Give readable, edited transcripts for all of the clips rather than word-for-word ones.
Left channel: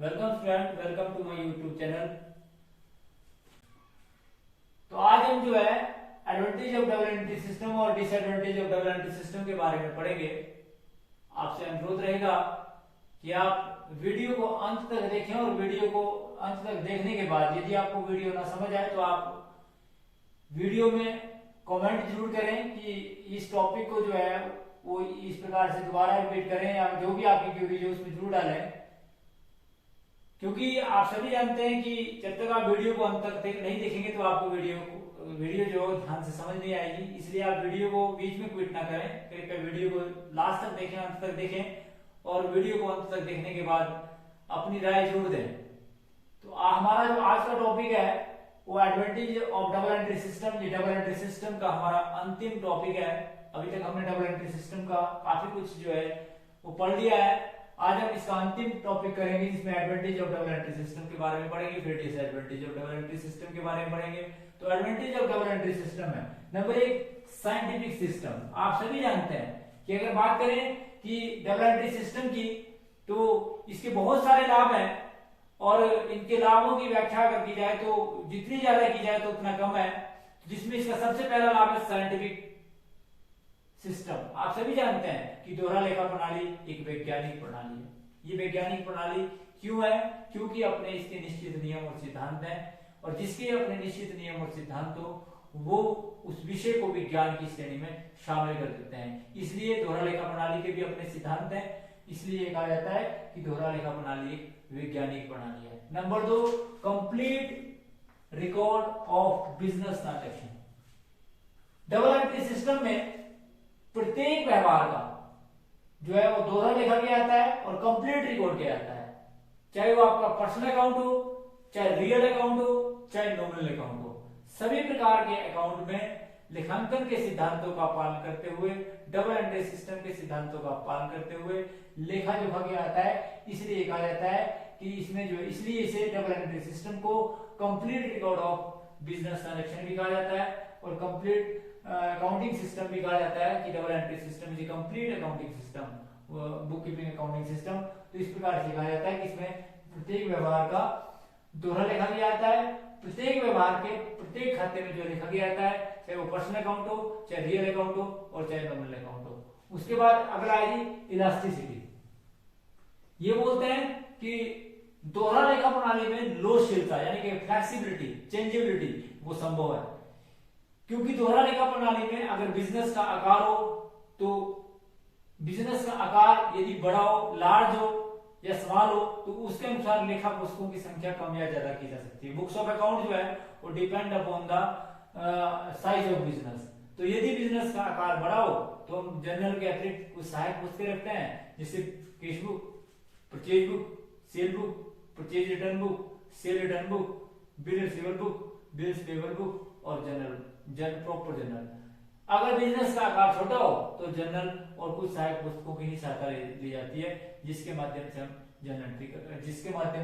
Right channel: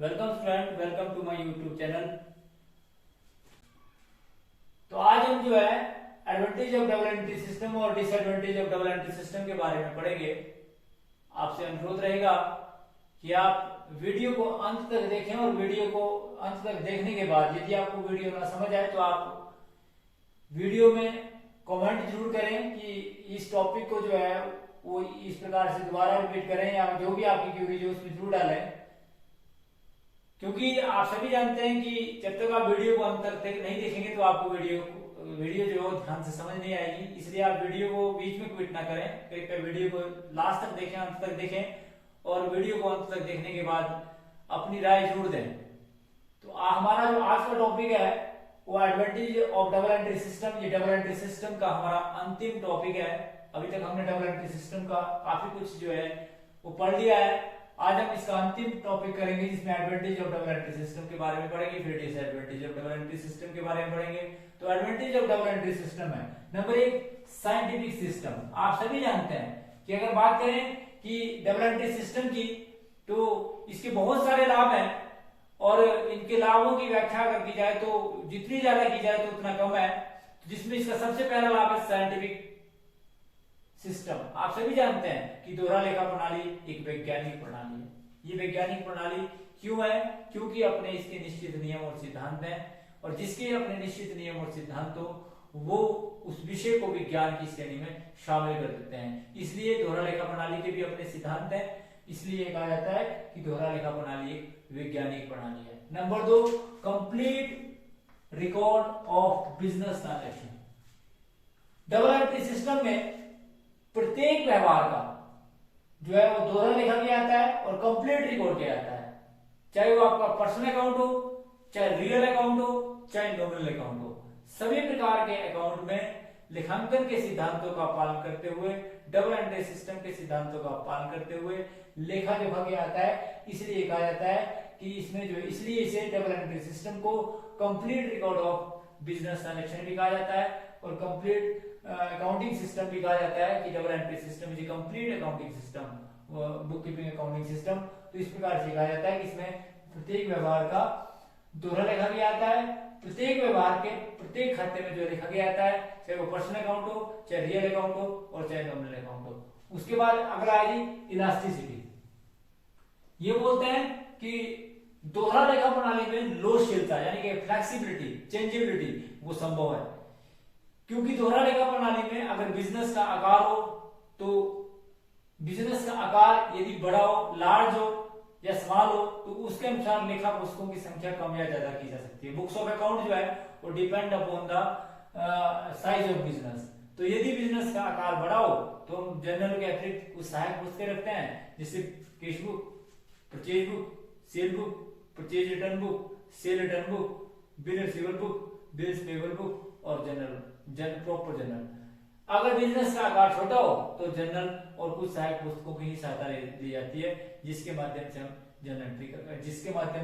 Welcome student, welcome to my YouTube channel. तो आज हम जो है advantage of double entry system और disadvantage of double entry system के बारे में पढ़ेंगे। आपसे अनुरोध रहेगा कि आप वीडियो को अंत तक देखें और वीडियो को अंत तक देखने के बाद यदि आपको वीडियो ना समझ आए तो आप वीडियो में कमेंट जरूर करें कि इस टॉपिक को जो है वो इस प्रकार से दोबारा रिपीट करें या जो भी आपकी क्वेरी जो उसमें जरूर डालें, क्योंकि आप सभी जानते हैं कि जब तक आप वीडियो को अंत तक नहीं देखेंगे तो आपको वीडियो जो ध्यान से समझ नहीं आएगी। इसलिए आप वीडियो को बीच में क्विट ना करें, कृपया वीडियो को लास्ट तक देखें, अंत तक देखें और वीडियो को अंत तक देखने के बाद अपनी राय जरूर दें। तो हमारा जो आज का टॉपिक है वो advantage of double entry system. ये डबल एंट्री सिस्टम का हमारा अंतिम टॉपिक है। अभी तक हमने डबल एंट्री सिस्टम का काफी कुछ जो है वो पढ़ लिया है। आज हम इसका अंतिम टॉपिक करेंगे जिसमें advantage of double entry system के बारे में पढ़ेंगे, फिर disadvantage of double entry system के बारे में पढ़ेंगे। तो advantage of double entry system है नंबर 1 साइंटिफिक सिस्टम। आप सभी जानते हैं कि अगर बात करें कि डबल एंट्री सिस्टम की तो इसके बहुत सारे लाभ हैं और इनके लाभों की व्याख्या अगर की जाए तो जितनी ज्यादा की जाए तो उतना कम है। जिसमें इसका सबसे पहला लाभ है साइंटिफिक सिस्टम। आप सभी जानते हैं कि दोहरा लेखा प्रणाली एक वैज्ञानिक प्रणाली है। ये वैज्ञानिक प्रणाली क्यों है? क्योंकि अपने इसके निश्चित नियम और सिद्धांत हैं और जिसके अपने निश्चित नियम और सिद्धांत हो वो उस विषय को विज्ञान की श्रेणी में शामिल कर देते हैं। इसलिए दोहरा लेखा प्रणाली के भी अपने सिद्धांत हैं, इसलिए कहा जाता है कि दोहरा लेखा प्रणाली एक वैज्ञानिक प्रणाली है। Number 2 complete record of business transaction. Double entry system में प्रत्येक व्यवहार का जो है वो दोहरा लिखा भी आता है और कंप्लीट रिकॉर्ड किया जाता है, चाहे वो आपका पर्सनल अकाउंट हो, चाहे रियल अकाउंट हो, चाहे नॉमिनल अकाउंट हो। सभी प्रकार के अकाउंट में लेखांकन के सिद्धांतों का पालन करते हुए, डबल एंट्री सिस्टम के सिद्धांतों का पालन करते हुए लेखा जोखा किया जाता है। इसलिए कहा जाता है कि इसमें जो इसलिए इसे डबल एंट्री सिस्टम को complete record of business transaction भी कहा जाता है और कंप्लीट अकाउंटिंग सिस्टम भी कहा जाता है कि double entry system is complete accounting system, book keeping accounting system. तो इस प्रकार से कहा जाता है कि इसमें प्रत्येक व्यवहार का दोहरा लिखा भी आता है, प्रत्येक व्यवहार के प्रत्येक खाते में जो लिखा गया जाता है, चाहे वो पर्सनल अकाउंट हो, चाहे रियल अकाउंट हो और चाहे नॉमिनल अकाउंट हो। उसके बाद अगला आएगी इलास्टिसिटी। ये बोलते हैं कि दोहरा लेखा प्रणाली में लोचशीलता यानी कि फ्लेक्सिबिलिटी, चेंजेबिलिटी वो संभव है, क्योंकि दोहरा लेखा प्रणाली में अगर बिजनेस का आकार हो तो बिजनेस का आकार यदि बड़ा हो, लार्ज हो या स्मॉल हो तो उसके अनुसार लेखा पुस्तकों की संख्या कम या ज्यादा की जा सकती है। बुक्स ऑफ अकाउंट जो है वो depend upon the size of business. तो यदि बिजनेस का आकार बड़ा हो तो हम जनरल के अतिरिक्त कुछ सहायक पुस्तकें रखते हैं, जैसे cash book, purchase book, cell book, purchase return book, cell return book, bill receivable book, bills payable book और प्रॉपर जनरल। अगर बिजनेस का आकार छोटा हो तो जनरल और कुछ सहायक पुस्तकों की ही सहायता ली जाती है, जिसके माध्यम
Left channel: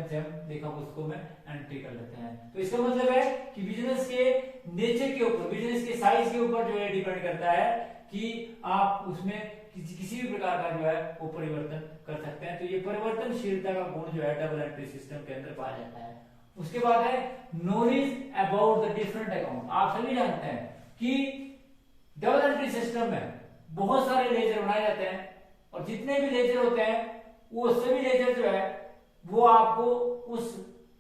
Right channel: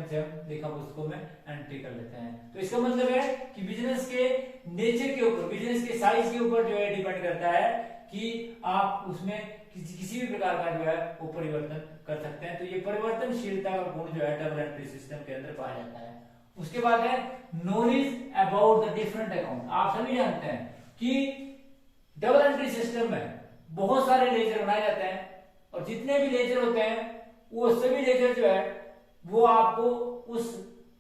से हम लेखा पुस्तकों में एंट्री कर लेते हैं। तो इसका मतलब है कि बिजनेस के नेचर के ऊपर, बिजनेस के साइज के ऊपर जो है डिपेंड करता है कि आप उसमें किसी भी प्रकार का जो है वो परिवर्तन कर सकते हैं। तो ये परिवर्तनशीलता का गुण जो है डबल एंट्री सिस्टम के अंदर पाया जाता है। उसके बाद है knowledge about the different account. आप सभी जानते हैं कि डबल एंट्री सिस्टम में बहुत सारे लेजर बनाए जाते हैं और जितने भी लेजर होते हैं वो सभी लेजर जो है वो आपको उस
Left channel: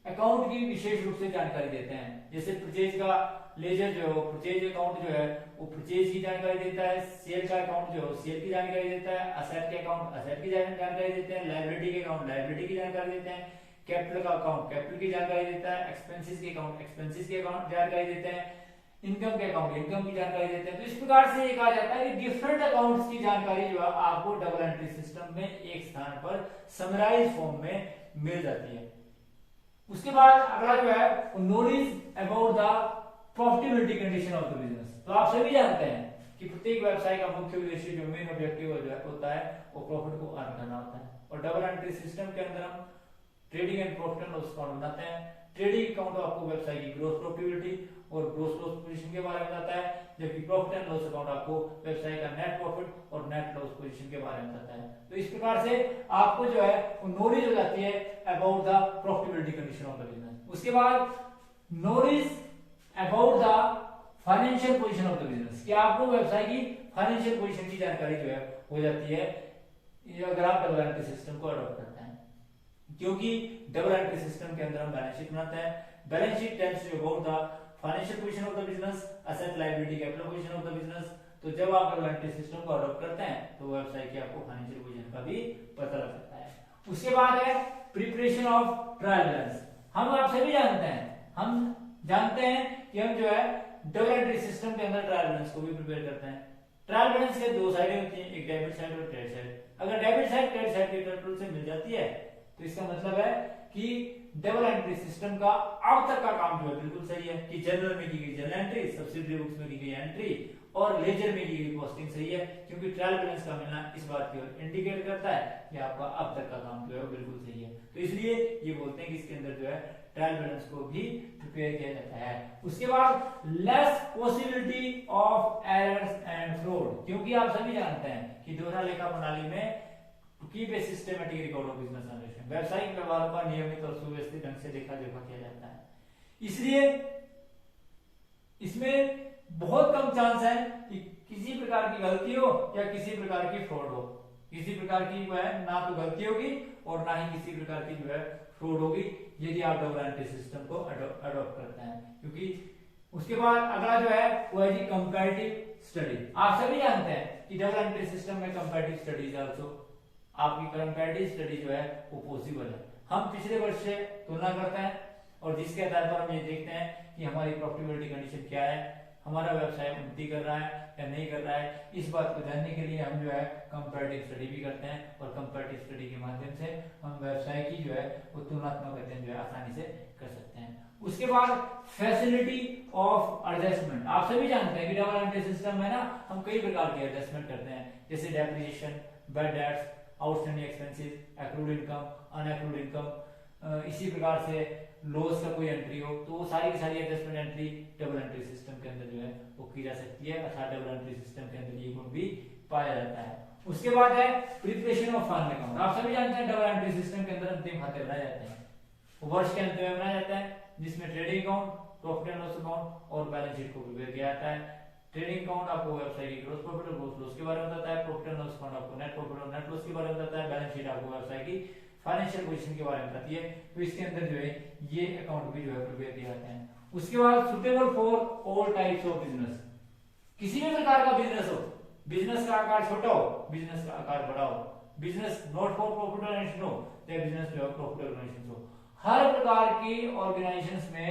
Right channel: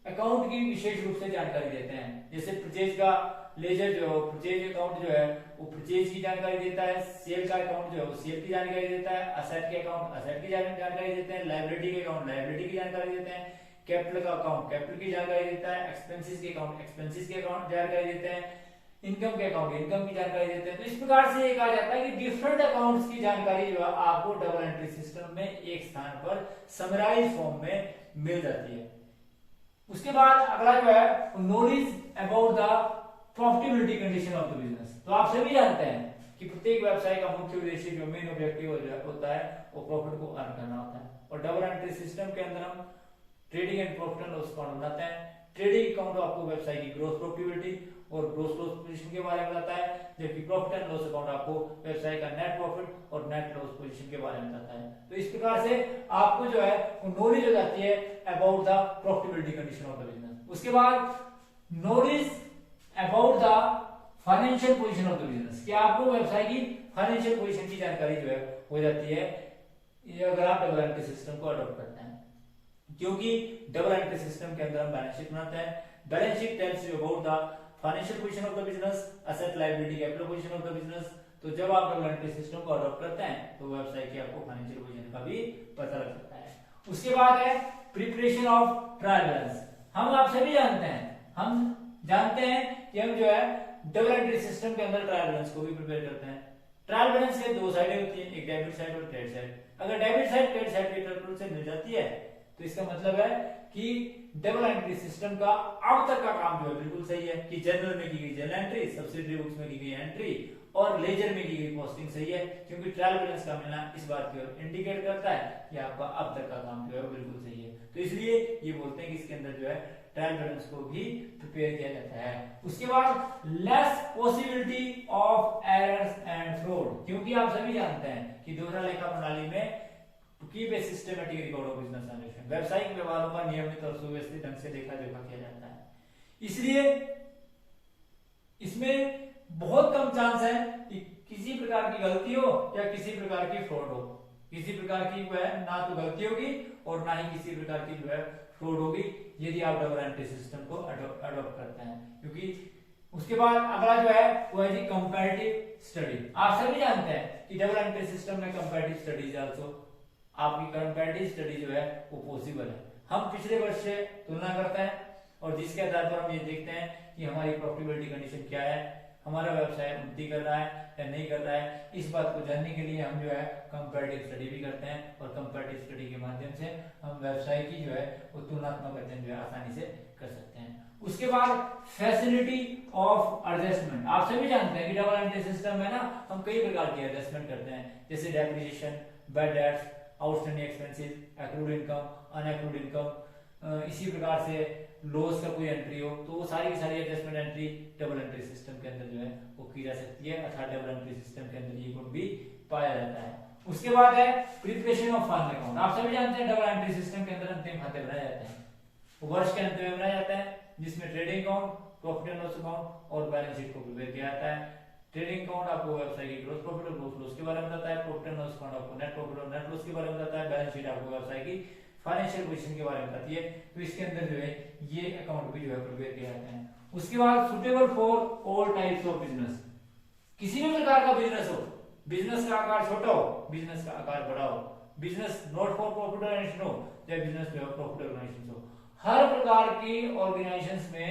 अकाउंट की विशेष रूप से जानकारी देते हैं। जैसे परचेज का लेजर जो है, परचेज अकाउंट जो है वो परचेज की जानकारी देता है, सेल का अकाउंट जो है वो सेल की जानकारी देता है, असेट के अकाउंट असेट की जानकारी देते हैं, लायबिलिटी के अकाउंट लायबिलिटी की जानकारी देते हैं, कैपिटल का अकाउंट कैपिटल की जानकारी देता है, एक्सपेंसेस के अकाउंट एक्सपेंसेस के अकाउंट जानकारी देते हैं, इनकम के अकाउंट इनकम की जानकारी देते हैं। तो इस प्रकार से ये कहा जाता है कि डिफरेंट अकाउंट्स की जानकारी जो है आपको डबल एंट्री सिस्टम में एक स्थान पर समराइज फॉर्म में मिल जाती है। उसके बाद अगला जो है knowledge about the profitability condition of the business. तो आप सभी जानते हैं कि प्रत्येक व्यवसाय का मुख्य उद्देश्य जो मेन ऑब्जेक्टिव होता है वो प्रॉफिट को अर्न करना होता है और डबल एंट्री सिस्टम के अंदर हम trading and profit and loss account बनाते हैं। ट्रेडिंग अकाउंट आपको व्यवसाय की ग्रोथ प्रॉफिटेबिलिटी और ग्रोथ लॉस पोजीशन के बारे में बताता है, जबकि प्रॉफिट एंड लॉस अकाउंट आपको व्यवसाय का नेट प्रॉफिट और नेट लॉस पोजीशन के बारे में बताता है। तो इस प्रकार से आपको जो है वो नॉलेज हो जाती है about the profitability condition of the business. उसके बाद knowledge about the financial position of the business, कि आपको व्यवसाय की फाइनेंशियल पोजीशन की जानकारी जो है हो जाती है ये अगर आप डबल एंट्री सिस्टम को अडॉप्ट करते हैं, क्योंकि डबल एंट्री सिस्टम के अंदर हम बैलेंस शीट बनाते हैं। Balance sheet tells you about the financial position of the business, asset liability capital position of the business. तो जब आप डबल एंट्री सिस्टम को अडॉप्ट करते हैं तो व्यवसाय की आपको फाइनेंशियल पोजीशन का भी पता लग सकता है। उसके बाद है प्रिपरेशन ऑफ ट्रायल बैलेंस। हम आप सभी जानते हैं कि हम जो है डबल एंट्री सिस्टम के अंदर ट्रायल बैलेंस को भी प्रिपेयर करते हैं। ट्रायल बैलेंस के दो साइडें होती हैं, एक डेबिट साइड और क्रेडिट साइड। अगर डेबिट साइड क्रेडिट साइड के टोटल से मिल जाती है तो इसका मतलब है कि डबल एंट्री सिस्टम का अब तक का काम जो है बिल्कुल सही है, कि जनरल में की गई जनरल एंट्री, सब्सिडरी बुक्स में की गई एंट्री और लेजर में की गई पोस्टिंग सही है, क्योंकि ट्रायल बैलेंस का मिलना इस बात की ओर इंडिकेट करता है कि आपका अब तक का काम जो है बिल्कुल सही है। तो इसलिए ये बोलते हैं कि इसके अंदर जो है ट्रायल बैलेंस को भी प्रिपेयर किया जाता है। उसके बाद less possibility of errors and fraud, क्योंकि आप सभी जानते हैं कि दोहरा लेखा प्रणाली में to keep a systematic record of business transaction, व्यावसायिक व्यवहारों का नियमित और सुव्यवस्थित ढंग से देखा जोखा किया जाता है। इसलिए इसमें बहुत कम चांस है कि किसी प्रकार की गलती हो या किसी प्रकार की फ्रॉड हो। किसी प्रकार की जो है ना तो गलती होगी और ना ही किसी प्रकार की जो है फ्रॉड होगी यदि आप डबल एंट्री सिस्टम को अडॉप्ट करते हैं। क्योंकि उसके बाद अगला जो है वो है जी कंपैरेटिव स्टडी। आप सभी जानते हैं कि डबल एंट्री सिस्टम में कंपैरेटिव स्टडीज आल्सो, आपकी कंपैरेटिव स्टडी जो है वो पॉसिबल है। हम पिछले वर्ष से तुलना करते हैं और जिसके आधार पर हम ये देखते हैं कि हमारी प्रॉफिटेबिलिटी कंडीशन क्या है, हमारा व्यवसाय उन्नति कर रहा है या नहीं कर रहा है। इस बात को जानने के लिए हम जो है कंपैरेटिव स्टडी भी करते हैं और कंपैरेटिव स्टडी के माध्यम से हम व्यवसाय की जो है वो तुलनात्मक अध्ययन जो है आसानी से कर सकते हैं। उसके बाद फैसिलिटी ऑफ एडजस्टमेंट। आप सभी जानते हैं कि डबल एंट्री सिस्टम में ना हम कई प्रकार की एडजस्टमेंट करते हैं, जैसे depreciation, bad debts, outstanding expenses, accrued income, unaccrued income. इसी प्रकार से लॉस का कोई एंट्री हो तो वो सारी की सारी adjustment entry double entry system के अंदर जो है वो की जा सकती है, अर्थात डबल एंट्री सिस्टम के अंदर ये गुण भी पाया जाता है। उसके बाद है प्रिपरेशन ऑफ फाइनल अकाउंट। आप सभी जानते हैं डबल एंट्री सिस्टम के अंदर अंतिम खाते बनाए जाते हैं, वर्ष के अंत में बनाया जाता है, जिसमें trading account, profit and loss account और बैलेंस शीट को प्रिपेयर किया जाता है। ट्रेडिंग अकाउंट आपको व्यवसाय की ग्रोथ प्रॉफिट और ग्रोथ लॉस के बारे में बताता है, प्रॉफिट एंड लॉस अकाउंट आपको नेट प्रॉफिट और नेट लॉस के बारे में बताता है, बैलेंस शीट आपको व्यवसाय की फाइनेंशियल पोजीशन के बारे में बताती है। तो इसके अंदर जो है ये अकाउंट भी जो है प्रिपेयर किया जाता है। उसके बाद suitable for all types of business. किसी भी प्रकार का बिजनेस हो, बिजनेस का आकार छोटा हो, बिजनेस का आकार बड़ा हो, business not for profit organization हो या बिजनेस जो है प्रॉफिट ऑर्गेनाइजेशन हो, हर प्रकार की ऑर्गेनाइजेशंस में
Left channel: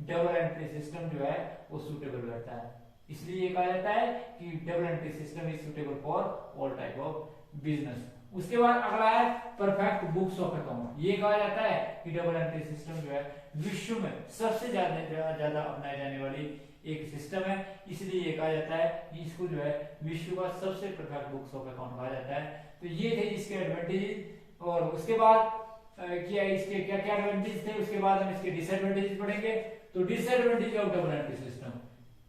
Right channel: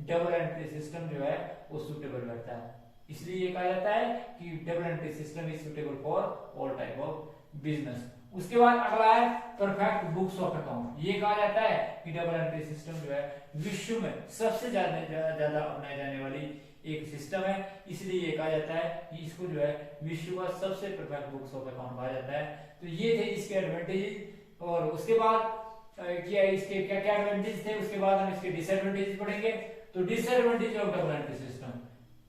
डबल एंट्री सिस्टम जो है वो सुटेबल रहता है। इसलिए ये कहा जाता है कि double entry system is suitable for all type of business. उसके बाद अगला है परफेक्ट बुक्स ऑफ अकाउंट। ये कहा जाता है कि डबल एंट्री सिस्टम जो है विश्व में सबसे ज्यादा अपनाई जाने वाली एक सिस्टम है, इसलिए ये कहा जाता है कि इसको जो है विश्व का सबसे परफेक्ट बुक्स ऑफ अकाउंट कहा जाता है। तो ये थे इसके एडवांटेजेस। और उसके बाद क्या इसके क्या क्या एडवांटेज थे, उसके बाद हम इसके डिसएडवांटेज पढ़ेंगे। तो disadvantage of double entry system.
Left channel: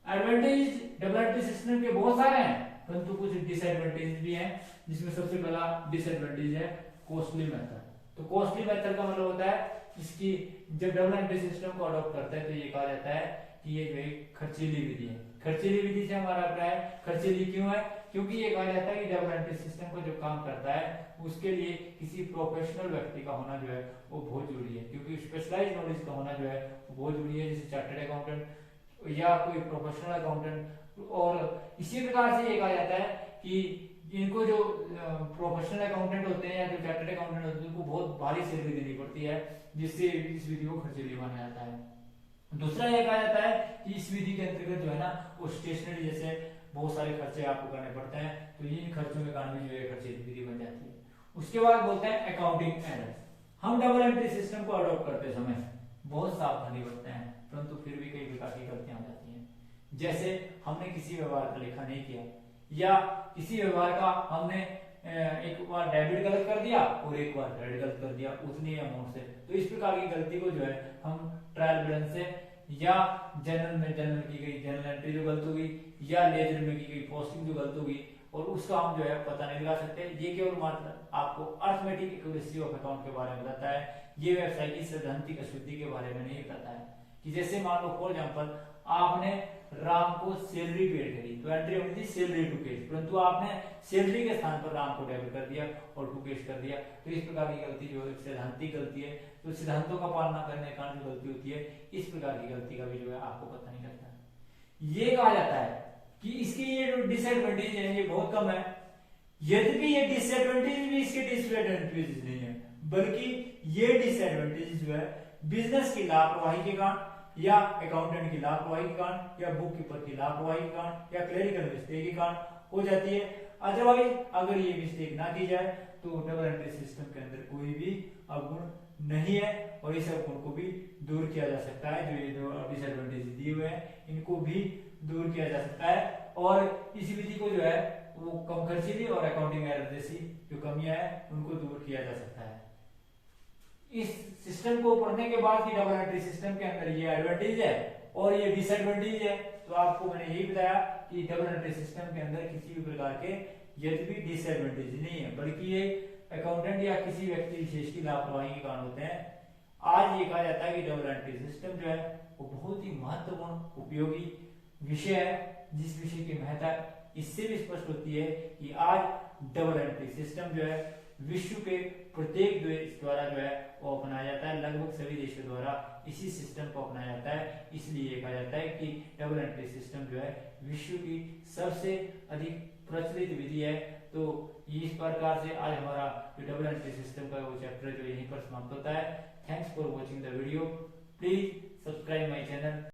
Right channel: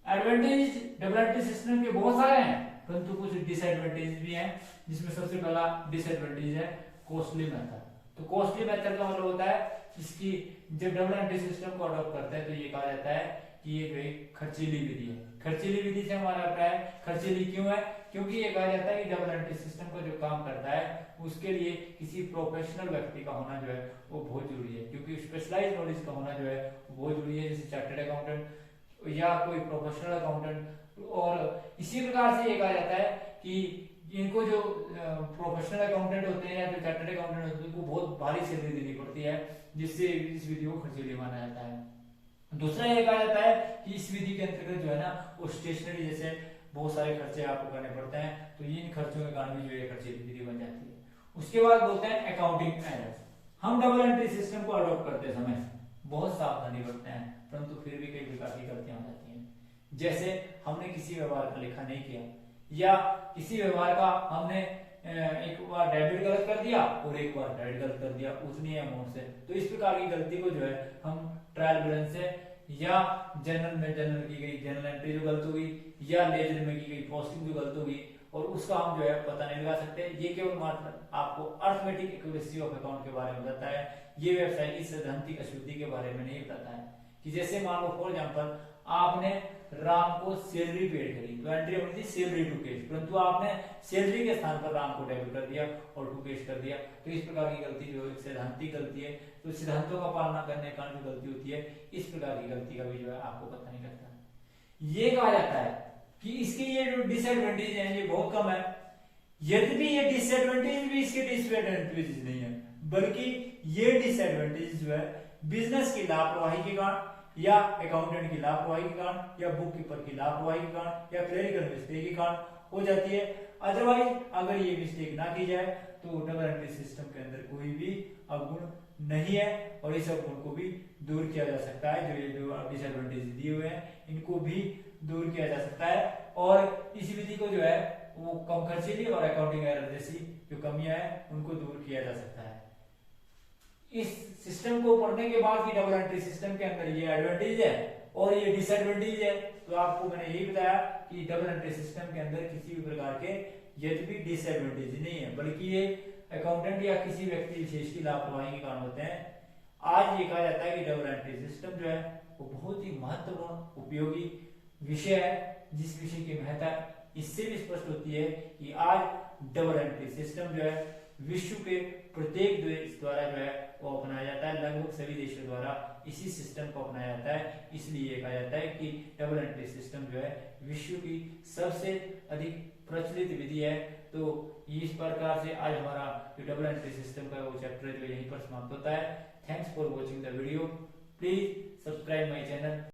Advantage double entry system के बहुत सारे हैं, परंतु कुछ डिसएडवांटेज भी हैं, जिसमें सबसे पहला डिसएडवांटेज है कॉस्टली मेथड। तो कॉस्टली मेथड का मतलब होता है इसकी जब डबल एंट्री सिस्टम को अडॉप्ट करते हैं तो ये कहा जाता है कि ये जो खर्चीली विधि है। खर्चीली विधि से हमारा अभिप्राय खर्चीली क्यों है, क्योंकि ये कहा जाता है कि डबल एंट्री सिस्टम को जो काम करता है उसके लिए किसी प्रोफेशनल व्यक्ति का होना जो है वो बहुत जरूरी है, क्योंकि स्पेशलाइज्ड नॉलेज का होना जो है वो बहुत जरूरी है, जैसे चार्टर्ड अकाउंटेंट या कोई प्रोफेशनल अकाउंटेंट। और इसी प्रकार से ये कहा जाता है कि इनको जो प्रोफेशनल अकाउंटेंट होते हैं या जो चार्टर्ड अकाउंटेंट होते हैं उनको बहुत भारी सैलरी देनी पड़ती है, जिससे इस विधि को खर्चीली माना जाता है। दूसरा ये कहा जाता है कि इस विधि के अंतर्गत जो है ना वो स्टेशनरी जैसे बहुत सारे खर्चे आपको करने पड़ते हैं, तो इन खर्चों के कारण भी जो है खर्चीली विधि बन जाती है। उसके बाद बोलते हैं अकाउंटिंग एरर्स। हम डबल एंट्री सिस्टम को अडॉप्ट करते समय बहुत सावधानी बरतते हैं, परंतु फिर भी कई प्रकार की गलतियां हो जाती हैं। जैसे हमने किसी व्यवहार का लेखा नहीं किया या किसी व्यवहार का हमने एक बार डेबिट गलत कर दिया और एक बार क्रेडिट गलत कर दिया उतनी अमाउंट से। तो इस प्रकार की गलती को जो है हम ट्रायल बैलेंस से या जनरल में जनरल की गई जनरल एंट्री जो गलत होगी या लेजर में की गई पोस्टिंग जो गलत होगी और उसका हम जो है पता नहीं लगा सकते। ये केवल मात्र आपको अर्थमेटिक एक्यूरेसी ऑफ अकाउंट के बारे में बताता है, ये व्यवसाय की सैद्धांतिक अशुद्धि के बारे में नहीं बताता है। कि जैसे मान लो फॉर एग्जांपल आपने राम को सैलरी पेड करी तो एंट्री होनी थी सैलरी टू कैश, परंतु आपने सैलरी के स्थान पर राम को डेबिट कर दिया और टू कैश कर दिया। तो इस प्रकार की गलती जो है सैद्धांतिक गलती है। तो सिद्धांतों का पालना करने के कारण जो गलती होती है इस प्रकार की गलती का भी जो है आपको पता नहीं लगता। ये कहा जाता है कि इसके ये जो डिसएडवांटेज है ये बहुत कम है, यद्यपि ये डिसएडवांटेज भी इसके डिसएडवांटेज नहीं है, बल्कि ये डिसएडवांटेज जो है बिजनेस की लापरवाही के कारण या अकाउंटेंट की लापरवाही के कारण या बुक कीपर की लापरवाही के कारण या क्लरिकल मिस्टेक के कारण हो जाती है। अदरवाइज अगर ये मिस्टेक ना की जाए तो डबल एंट्री सिस्टम के अंदर कोई भी अवगुण नहीं है और इस अवगुण को भी दूर किया जा सकता है। जो ये जो डिसएडवांटेज दिए हुए हैं इनको भी दूर किया जा सकता है और इस विधि को जो है वो कम खर्चीली और अकाउंटिंग एरर जैसी जो कमियां है उनको दूर किया जा सकता है। इस सिस्टम को पढ़ने के बाद की डबल एंट्री सिस्टम के अंदर ये एडवांटेज है और ये डिसएडवांटेज है। तो आपको मैंने यही बताया कि डबल एंट्री सिस्टम के अंदर किसी भी प्रकार के यद्यपि डिसएडवांटेज नहीं है, बल्कि ये अकाउंटेंट या किसी व्यक्ति विशेष की लापरवाही के कारण होते हैं। आज ये कहा जाता है कि डबल एंट्री सिस्टम जो है वो बहुत ही महत्वपूर्ण उपयोगी विषय है, जिस विषय की महत्ता इससे भी स्पष्ट होती है कि आज डबल एंट्री सिस्टम जो है विश्व के प्रत्येक देश द्वारा जो है वो अपनाया जाता है, लगभग सभी देशों द्वारा इसी सिस्टम को अपनाया जाता है। इसलिए कहा जाता है कि डबल एंट्री सिस्टम जो है विश्व की सबसे अधिक प्रचलित विधि है। तो इस प्रकार से आज हमारा जो डबल एंट्री सिस्टम का वो चैप्टर जो यहीं पर समाप्त होता है। Thanks for watching the video, please subscribe my channel.